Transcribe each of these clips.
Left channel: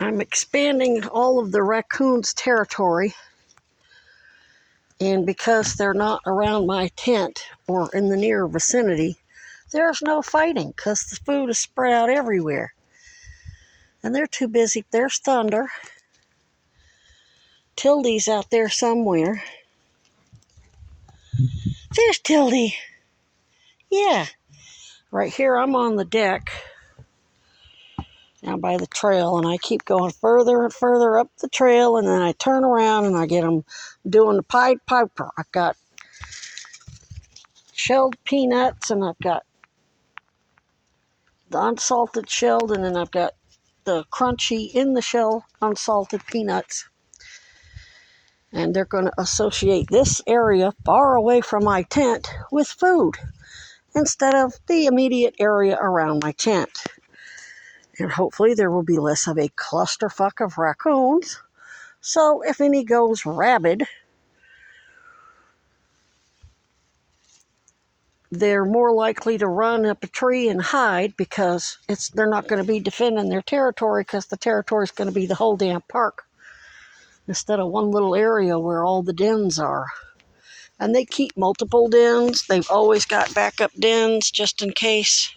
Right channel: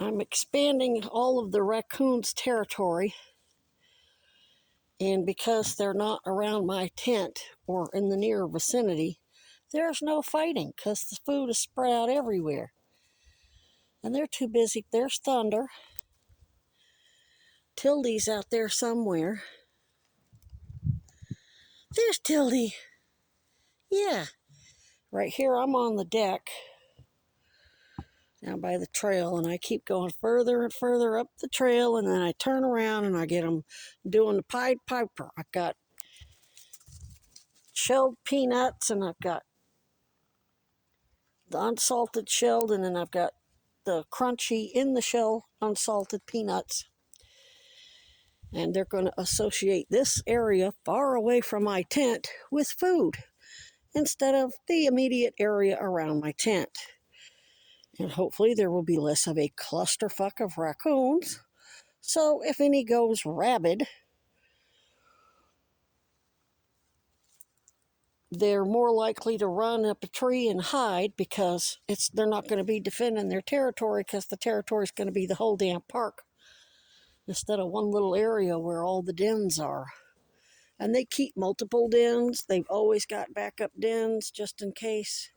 I'm expanding all of the raccoons' territory, and because they're not around my tent or in the near vicinity, there's no fighting because the food is spread out everywhere. And they're too busy. There's Thunder. Tildy's out there somewhere. There's Tildy. Yeah. Right here, I'm on the deck down by the trail, and I keep going further and further up the trail, and then I turn around and I get them doing the Pied Piper. I've got shelled peanuts, and I've got the unsalted shelled, and then I've got the crunchy in the shell unsalted peanuts. And they're going to associate this area far away from my tent with food instead of the immediate area around my tent. And hopefully there will be less of a clusterfuck of raccoons. So if any goes rabid, they're more likely to run up a tree and hide because they're not going to be defending their territory because the territory is going to be the whole damn park instead of one little area where all the dens are. And they keep multiple dens. They've always got backup dens just in case.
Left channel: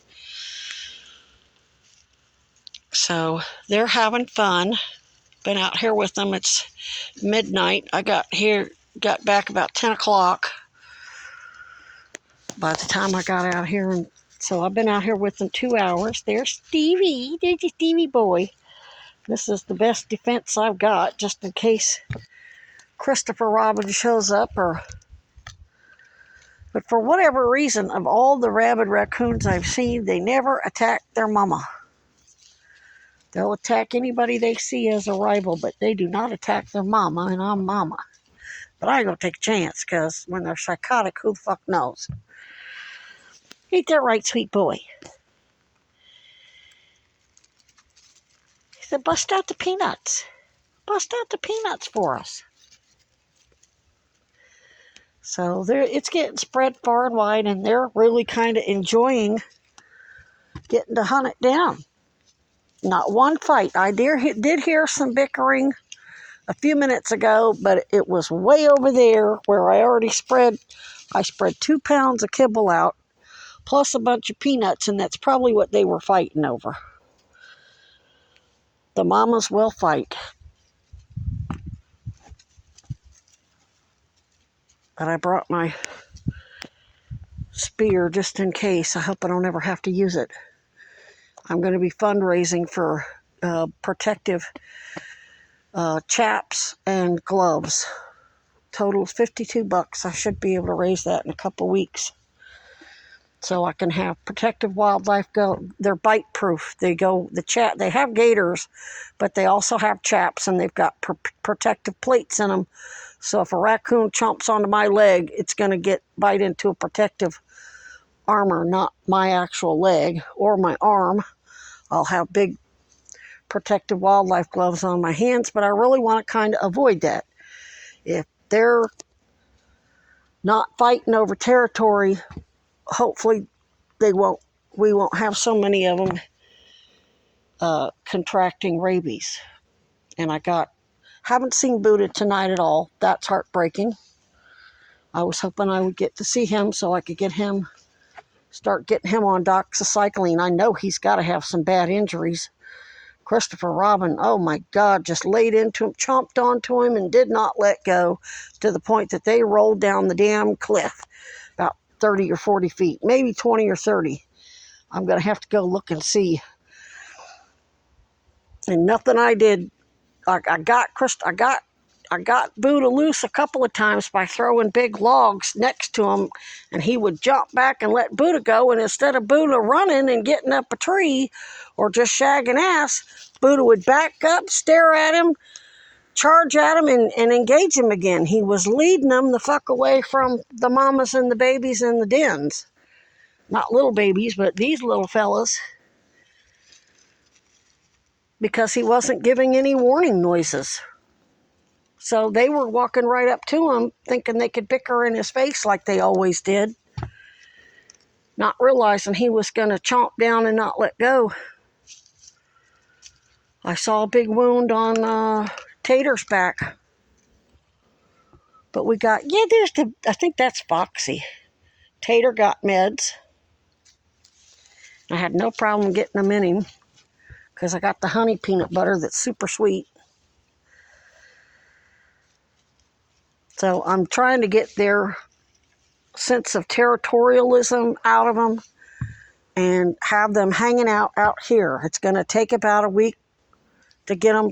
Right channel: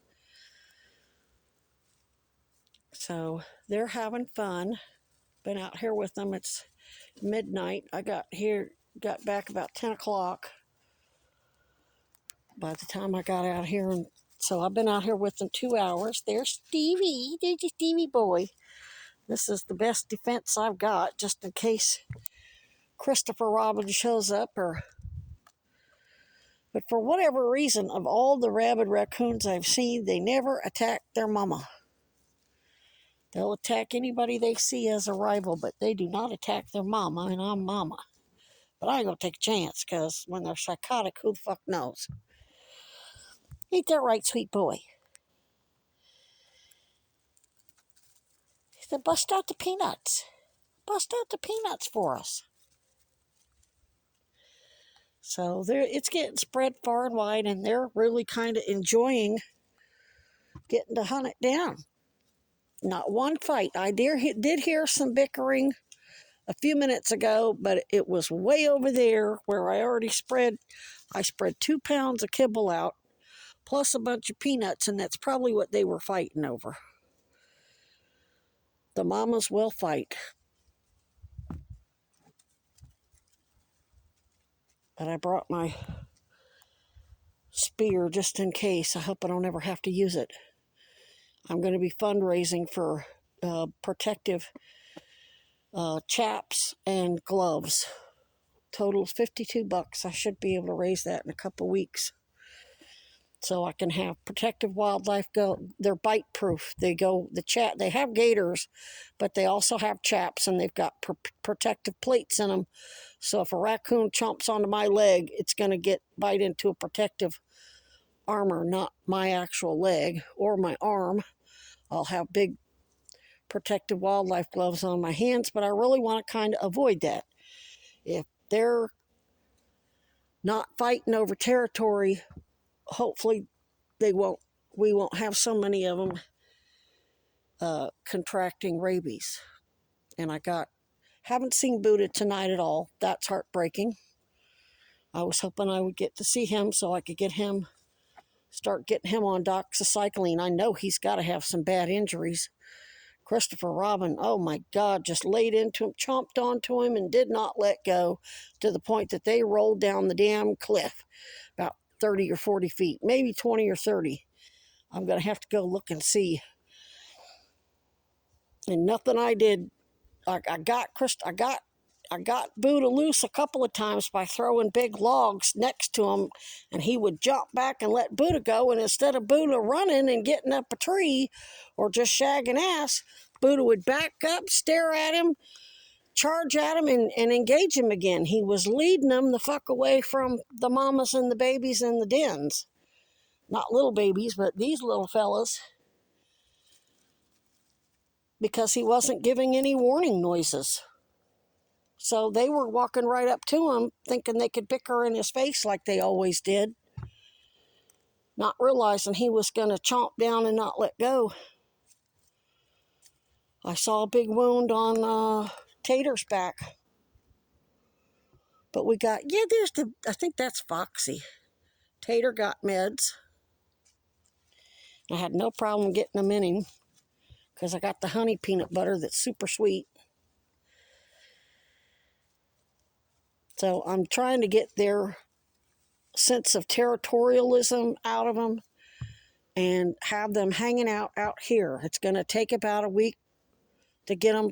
So they're having fun. Been out here with them. It's midnight. I got back about 10 o'clock by the time I got out here. And so I've been out here with them 2 hours. There's Stevie. There's your Stevie boy. This is the best defense I've got just in case Christopher Robin shows up But for whatever reason, of all the rabid raccoons I've seen, they never attack their mama. They'll attack anybody they see as a rival, but they do not attack their mama, and I'm mama. But I ain't gonna take a chance, because when they're psychotic, who the fuck knows? Ain't that right, sweet boy? He said, bust out the peanuts. Bust out the peanuts for us. So it's getting spread far and wide, and they're really kind of enjoying getting to hunt it down. Not one fight. I did hear some bickering a few minutes ago, but it was way over there where I spread 2 pounds of kibble out, plus a bunch of peanuts, and that's probably what they were fighting over. The mamas will fight. But I brought my spear just in case. I hope I don't ever have to use it. I'm going to be fundraising for protective chaps and gloves. Total $52. I should be able to raise that in a couple weeks. So I can have Protective Wildlife go. They're bite proof. They have gaiters, but they also have chaps, and they've got protective plates in them. So if a raccoon chomps onto my leg, it's going to bite into a protective armor, not my actual leg or my arm. I'll have big Protective Wildlife gloves on my hands, but I really want to kind of avoid that. If they're not fighting over territory, hopefully we won't have so many of them contracting rabies. And haven't seen Buddha tonight at all. That's heartbreaking. I was hoping I would get to see him so I could start getting him on doxycycline. I know he's got to have some bad injuries. Christopher Robin, oh my God, just laid into him, chomped onto him, and did not let go, to the point that they rolled down the damn cliff about 30 or 40 feet, maybe 20 or 30. I'm going to have to go look and see. And nothing I did. I got Buddha loose a couple of times by throwing big logs next to him, and he would jump back and let Buddha go. And instead of Buddha running and getting up a tree or just shagging ass, Buddha would back up, stare at him, charge at him, and engage him again. He was leading them the fuck away from the mamas and the babies in the dens. Not little babies, but these little fellas. Because he wasn't giving any warning noises. So they were walking right up to him, thinking they could bicker in his face like they always did, not realizing he was going to chomp down and not let go. I saw a big wound on Tater's back. But we got, yeah, I think that's Foxy. Tater got meds. I had no problem getting them in him because I got the honey peanut butter that's super sweet. So I'm trying to get their sense of territorialism out of them and have them hanging out here. It's going to take about a week to get them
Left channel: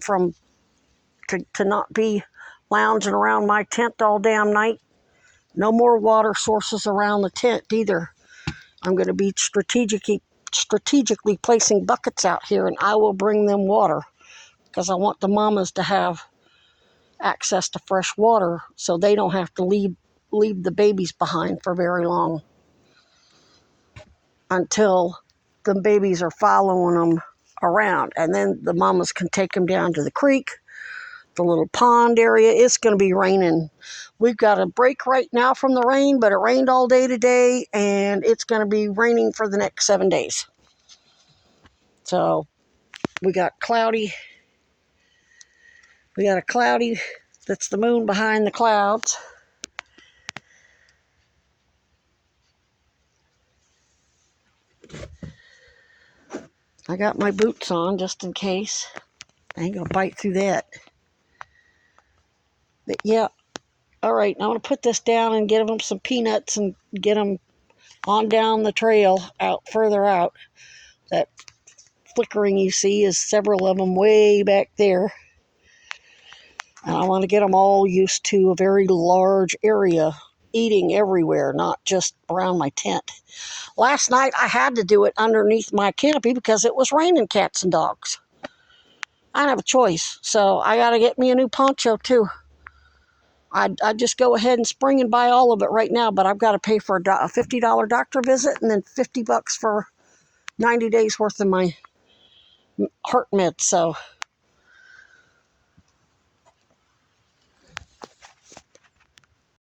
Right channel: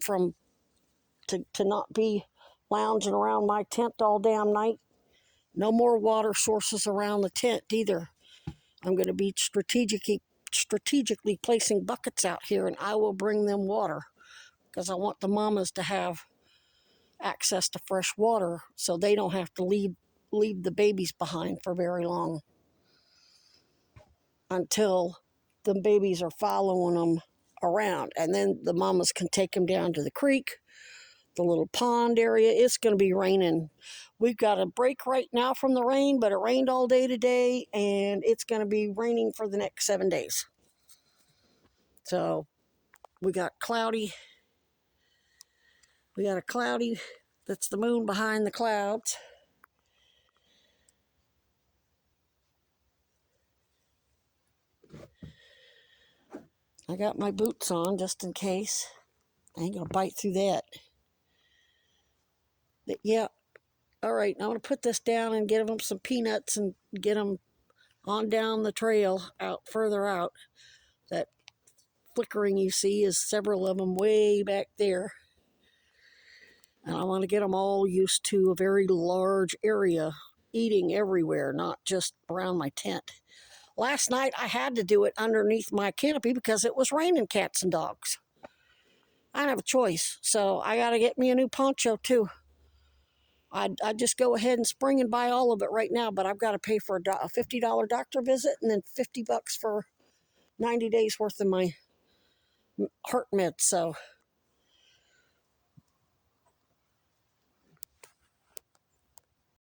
to not be lounging around my tent all damn night. No more water sources around the tent either. I'm going to be strategically placing buckets out here, and I will bring them water because I want the mamas to have access to fresh water so they don't have to leave the babies behind for very long until the babies are following them around, and then the mamas can take them down to the creek, the little pond area. It's going to be raining. We've got a break right now from the rain, but it rained all day today, and it's going to be raining for the next 7 days. So we got a cloudy, that's the moon behind the clouds. I got my boots on just in case. I ain't gonna bite through that. But yeah, all right, I'm gonna put this down and give them some peanuts and get them on down the trail further out. That flickering you see is several of them way back there. And I want to get them all used to a very large area, eating everywhere, not just around my tent. Last night I had to do it underneath my canopy because it was raining cats and dogs. I don't have a choice, so I got to get me a new poncho too. I'd just go ahead and spring and buy all of it right now, but I've got to pay for a $50 doctor visit and then $50 for 90 days worth of my heart meds. So